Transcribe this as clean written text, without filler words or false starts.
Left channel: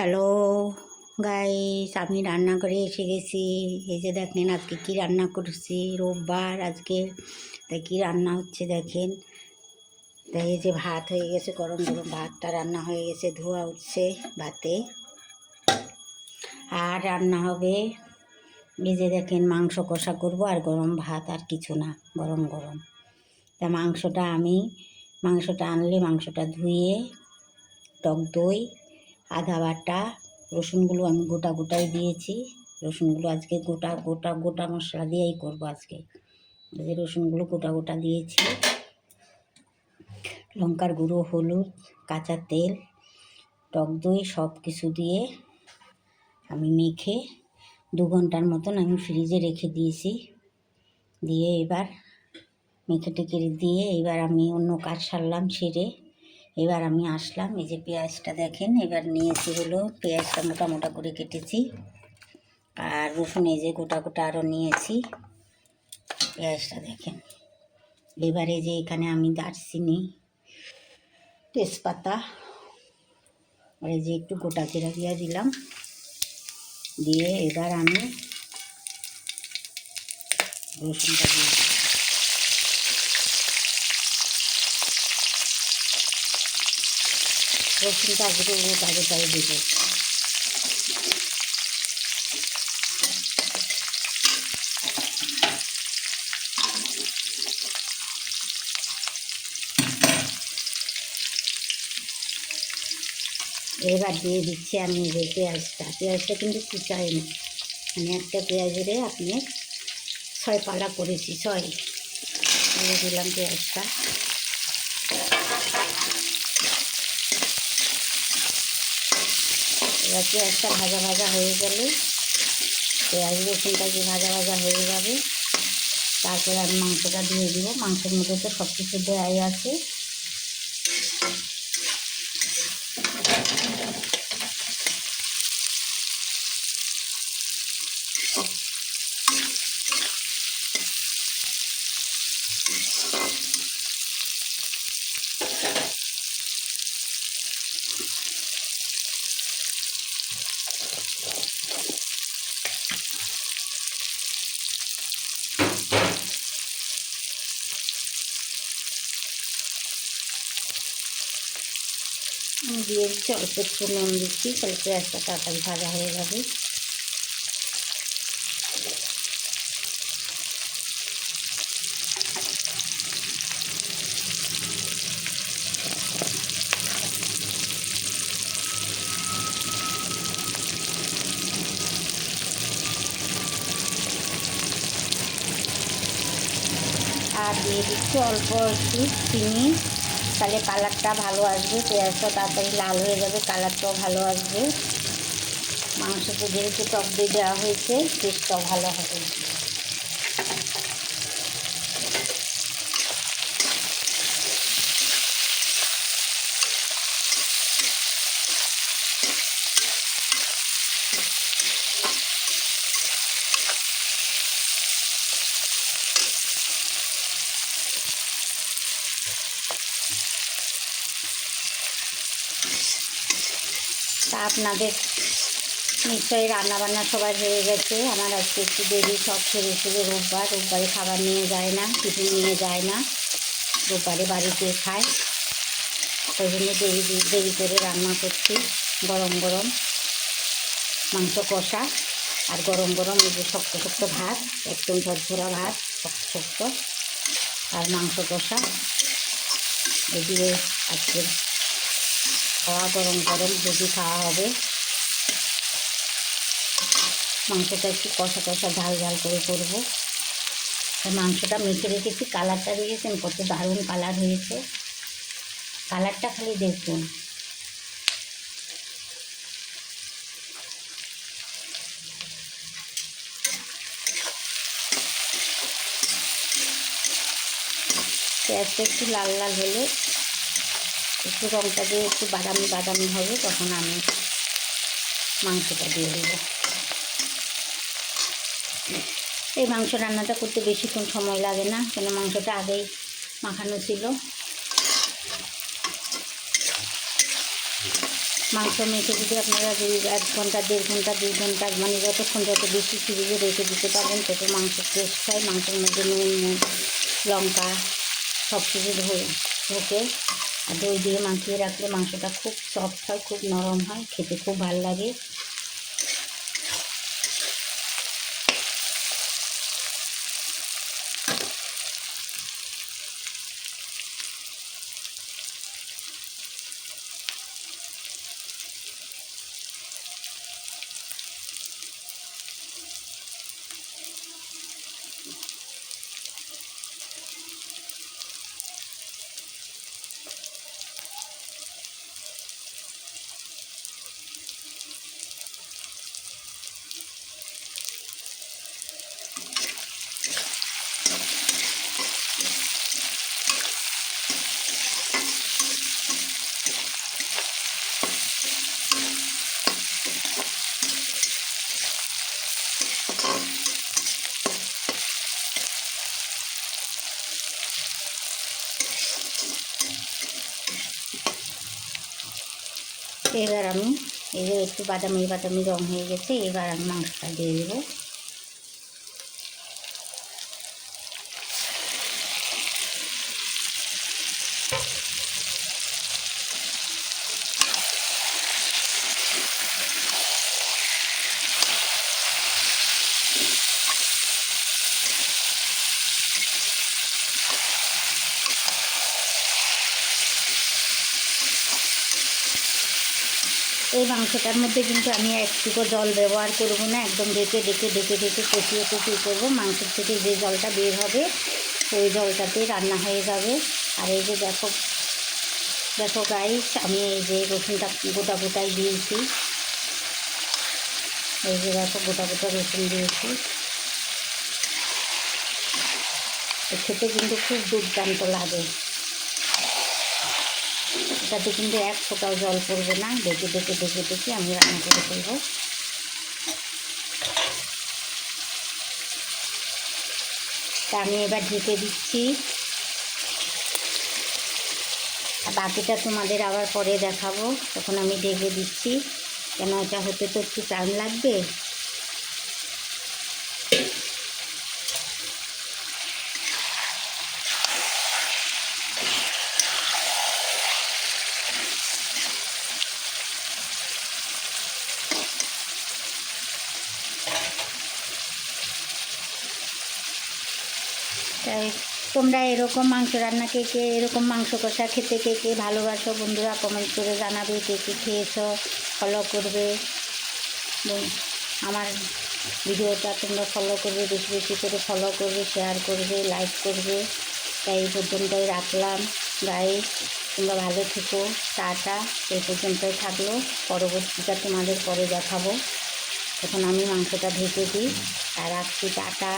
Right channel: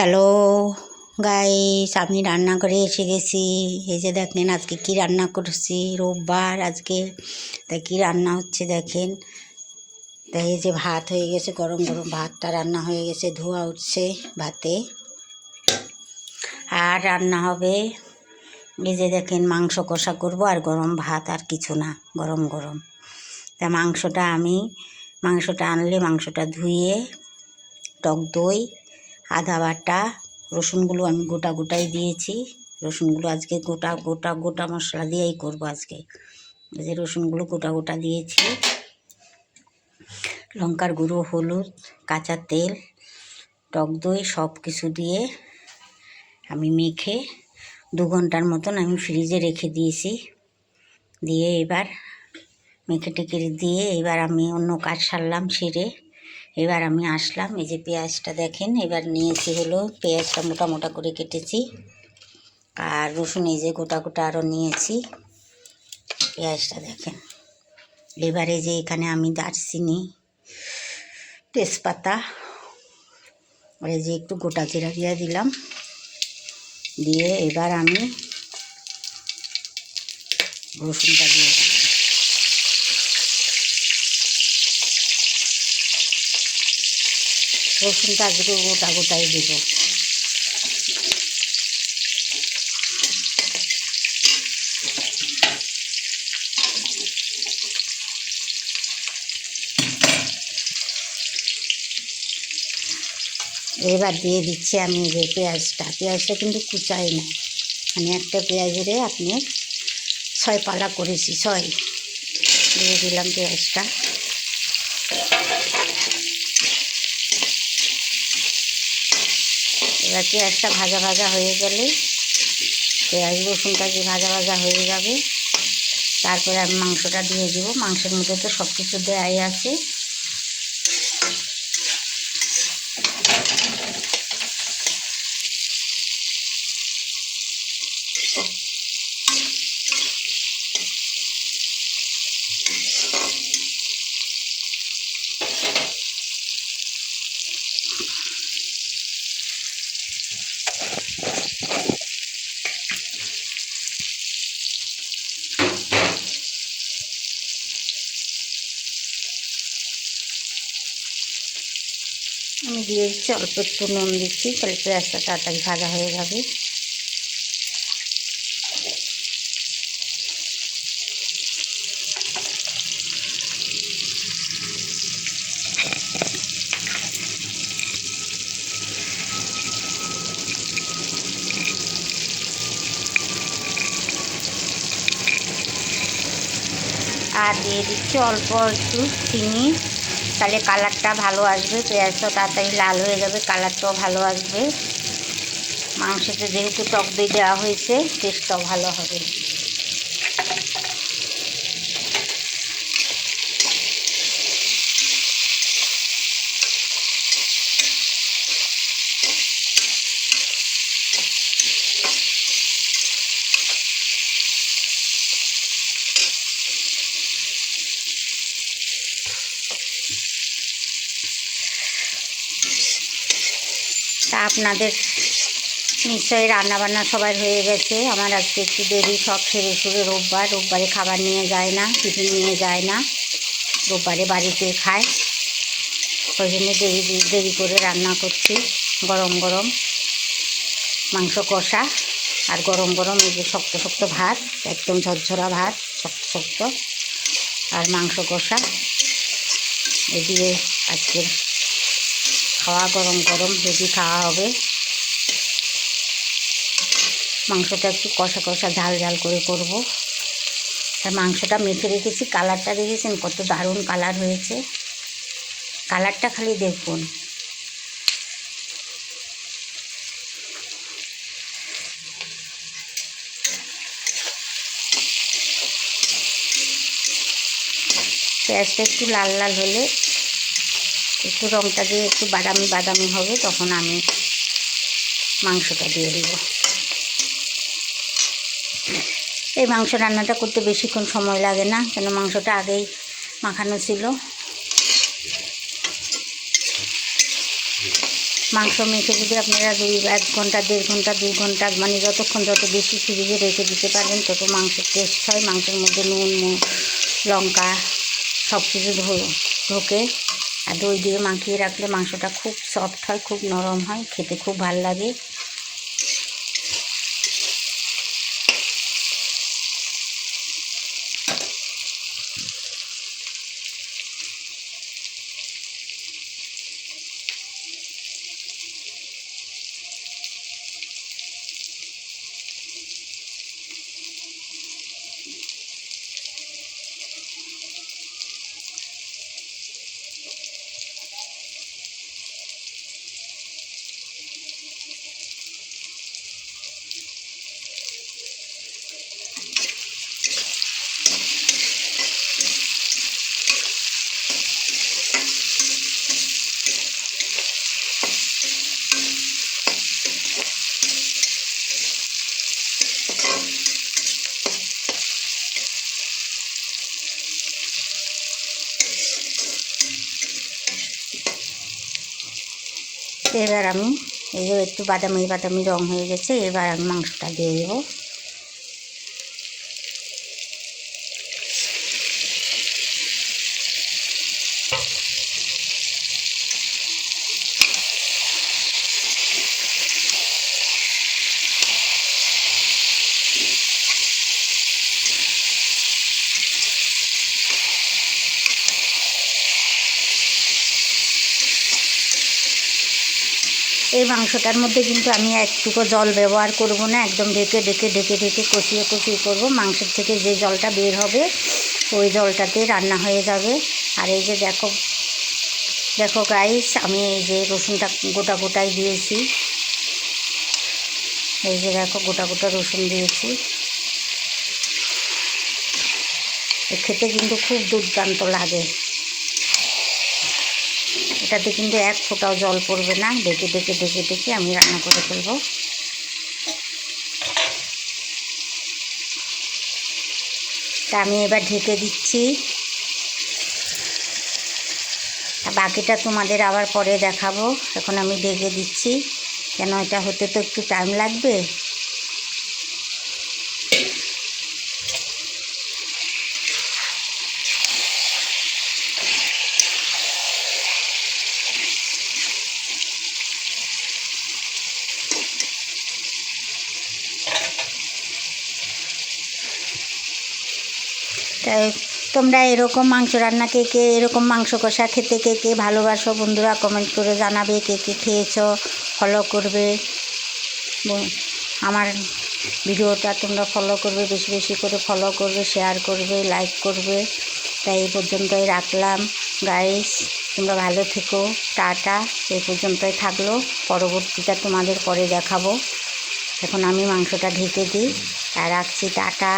Hello guys, আমি রান্না করে এসে গেছি। এই যে দেখেন আজকে কি রান্না করছি, রোববার আজকে। তাই কী রান্না হচ্ছে দেখেন। তাই এই যে ভাত হয়ে গেছে, গরম গরম ভাতটা রান্না হয়ে গেছে, ধোয়া উঠছে ভাতে। আর রান্না হবে এই যে দেখেন মাংস কষা করব, আর গরম ভাত, আর কিছু না, গরম গরম। তা মাংসটা আনলে মাংসটা ধুয়ে টক দই, আদা বাটা, রসুনগুলো আমি গোটা গোটাই দিয়েছি। রসুনগুলো আজকে গোটা গোটা গোটা মশলা দিয়েই করব আজকে। এই যে রসুনগুলো গোটা গোটা দিয়েছি। লঙ্কার গুঁড়ো, হলুদ, কাঁচা তেল, টক দই সব কিছু দিয়ে আমি মেখে 2 ঘন্টার মতন আমি ফ্রিজে রেখে দিয়েছি। দিয়ে এবার মেখে টেকে দিয়ে এবার আমি অন্য কাজ সারলাম, সেরে এবার আমি আসলাম। এই যে পেঁয়াজটা দেখেন, এবার নিয়েছি হলো পেঁয়াজটা মোটা মোটা করে কেটেছি। আর রসুন এই যে গোটা গোটা আরও নিয়েছি। পেঁয়াজটা দেখেন। এবারে যে এখানে আমি দারচিনি, তেজপাতা, এই যে একটু গোটা জিরা দিয়ে দিলাম। দিয়ে এবার আমি রসুনটা দিয়ে দিলাম। রসুনটা আজকে গোটা গোটাই দেবো। এবার দিয়ে দিচ্ছি আমি যে পেঁয়াজটা কিন্তু কুচাই না, আমি একটা পেঁয়াজেরে আপনি 6 পালা করেছি, 6 দিয়ে দিলাম পেঁয়াজটা। এবার পেঁয়াজটা ভাজা ভাজা হয়ে গেলে, পেঁয়াজ রসুনটা যে ভাজা ভাজা হয়ে যাবে, তারপরে আমি মাংসটা দিয়ে দিব। মাংসের মধ্যে তো সব কিছু দেওয়াই আছে। আমি দিয়ে দিচ্ছি অল্প একটু নুন দিচ্ছি, তাহলে পেঁয়াজটা তাড়াতাড়ি ভাজা হয়ে যাবে। আর দিয়ে দিচ্ছি অল্প একটু চিনি, তাহলে কালারটা ভালো আসবে। পেঁয়াজটাও তাড়াতাড়ি লাল হয়ে যাবে, কালারটাও ভালো আসবে। মাংসতে যেহেতু টক দই দেওয়া হয়েছে, টেস্টটাও ভালো হবে। তা আপনাদের নিশ্চয়ই রান্নাবান্না সবার হয়ে গেছে। আমার আজকে একটু দেরি, সব ছেড়ে ছুড়ে রোববারে খাবার নিয়ে যায় না, টিফিন নিয়ে যায় না, রোববারে বাড়িতে খায়। ওই জন্য দেরি করে রান্না করছি। গরম গরম মাংস কষা আর গরম গরম এই যে শক্ত শক্ত ভাত, একদম ঝরঝরা ভাত, শক্ত শক্ত, আর মাংস কষা। এই দিয়ে আজকে খাওয়া গরম গরম যদি খাওয়া হবে। মাংসটা একটু কষা কষা ঝাল ঝাল করে করব। আর মাংসটা মেখে রেখেছি, কালারটা দেখেছেন কত দারুণ কালার হয়েছে। কালারটা খালি দেখুন। পেঁয়াজটা একটু লাল লাল হলে, একটু রঙটা দিয়ে একটু বাদামি বাদামি হবে, তখন আমি মাংসটা দিয়ে দেব। এই মাংস রান্নাটা করতে বেশিক্ষণ সময় লাগে না, কেন মাংসটা আগেই মাখানো ছিল। মাংস মেখে যদি আপনারা 1 ঘন্টা 1.5 ঘন্টা 2 ঘন্টা মানে যতক্ষণ যত বেশি ফ্রিজে রেখে দিতে পারেন তত মাংস টেস্ট হয়। মাংসের মধ্যে নুন লঙ্কা সব কিছু ঢোকে। আর দই দিয়ে মাখিয়ে রাখলে মাংসটা খুব সফট হয়, খুব নরম হয়, খেতে খুব ভালো লাগে। এবার আমি এই যে একটু বাদামি বাদামি রং হয়ে গেছে, এবার আমি মাংসটা দিয়ে দেবো। এই মাংসটার মধ্যে কিন্তু আমি একটুকু জল ব্যবহার করব না, একদম ঢেকে কষিয়ে করব। মাংসের থেকে যে জলটা বের হবে ওই জলটাতে রান্না হয়ে যাবে। আর এই যে দেখো গাইস, আমি এই যে রসুনটা গোটাই দিয়েছি, এই যে দেখো গোটা রসুন দিয়েছি। খেতে কিন্তু খুব দুর্দান্ত লাগে। এটাতে কিন্তু 1 ফোঁটাও জল পড়বে না। ঢেকে আমি রান্না করে ফেলবো। তা আমি এবার ঢেকে দিচ্ছি। বাকিটা তোমাদের আবার পরে দেখাবো। এখন আমি ঢেকে দিচ্ছি, কেন এটা হতে তো একটু টাইম লাগবে। তাই তোমরা এরকম মাংস রান্না কে এরকম মাংস কষা খেতে কে ভালোবাসো বন্ধুরা কমেন্ট করে জানাবে। কে খেয়েছো, ফলো করবে আমার ভিডিওটা, তোমরা ফলো করবে, বেশি করে ফলো করবে, শেয়ার করবে, লাইক করবে। তাই এই পর্যন্তই রাখলাম গাইস, তোমরা ভালো থেকো, টাটা। এই পর্যন্তই থাকলো, পরবর্তীটা তোমাদের পরে দেখাবো। এখন আমি মাংসটা ঢেকে দিই আর রাখছি, টাটা।